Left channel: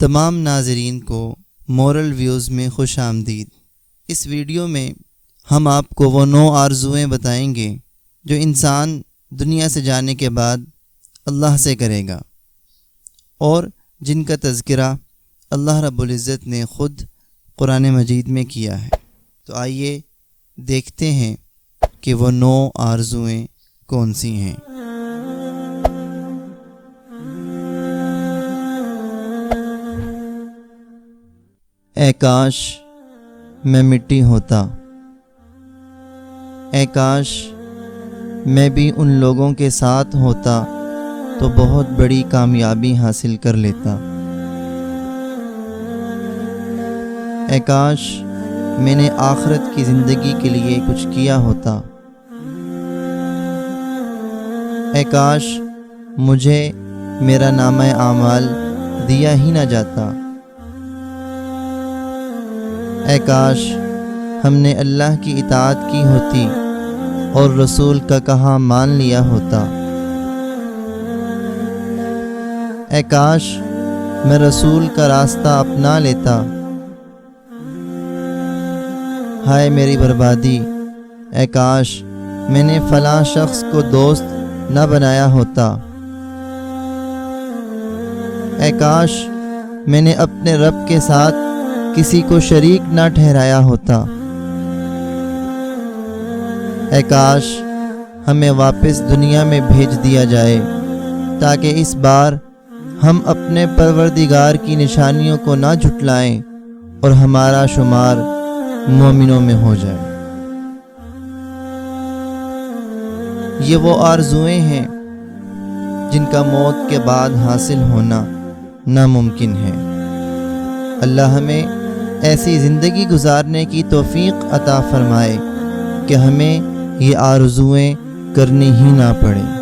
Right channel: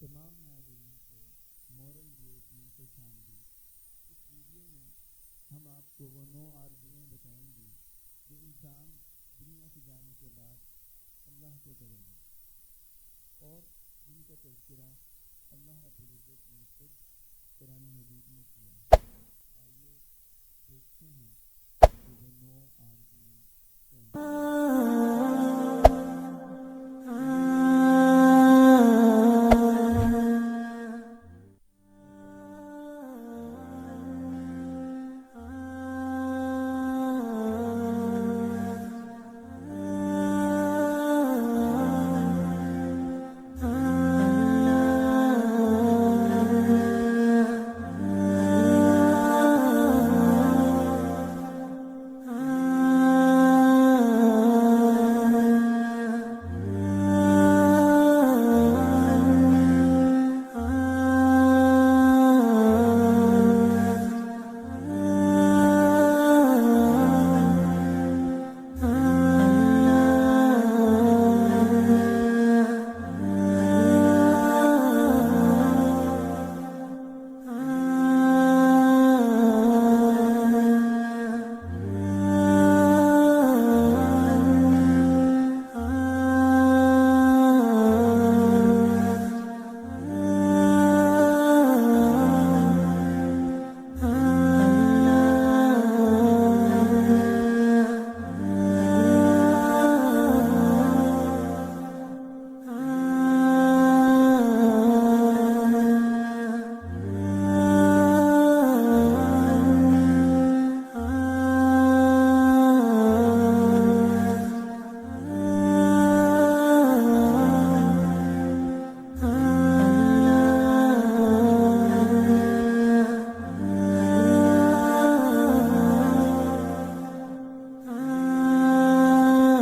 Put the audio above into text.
تمام ناظرین کو مورل ویوز میں خوش آمدید۔ اس ویڈیو میں ہم آپ کو وہ 9 آرزوئیں بتائیں گے جو انسان دنیا سے جانے کے بعد اللہ سے کرے گا، اور جن کا تذکرہ اللہ رب العزت نے خود قرآن مجید میں کیا ہے۔ تو آئیے دیکھتے ہیں کہ وہ 9 آرزوئیں کون سی ہیں۔ اے کاش میں مٹی ہوتا، اے کاش میں بھی ان لوگوں کے ساتھ ہوتا تو بہت بڑی کامیابی حاصل کر لیتا۔ اے کاش میں نے آخرت کی زندگی کے لیے کچھ کیا ہوتا۔ اے کاش مجھے میرا نامہ اعمال دیا ہی نہ جاتا۔ اے کاش ہم نے اللہ کی اطاعت کی ہوتی اور رسول کا کہا مان لیا ہوتا۔ اے کاش میں رسول کا راستہ اپنا لیتا۔ ہائے میری بربادی، اے کاش میں نے فلاں شخص کو دوست نہ بنایا ہوتا۔ اے کاش میں نے اپنے رب کے ساتھ کسی کو شریک نہ ٹھہرایا ہوتا۔ اے کاش ہمیں واپس دنیا میں بھیج دیا جائے تاکہ اس بار ہم اپنے پروردگار کی نشانیوں کو نہ جھٹلائیں اور ہمارا شمار مومنوں میں ہو جائے۔ یہ وہ آرزوئیں ہیں جن کا موت کے بعد حاصل ہونا ناممکن ہے۔ اللہ ہمیں ایسی زندگی گزارنے کی توفیق عطا فرمائے کہ ہمیں یہ آرزوئیں کرنی ہی نہ پڑے۔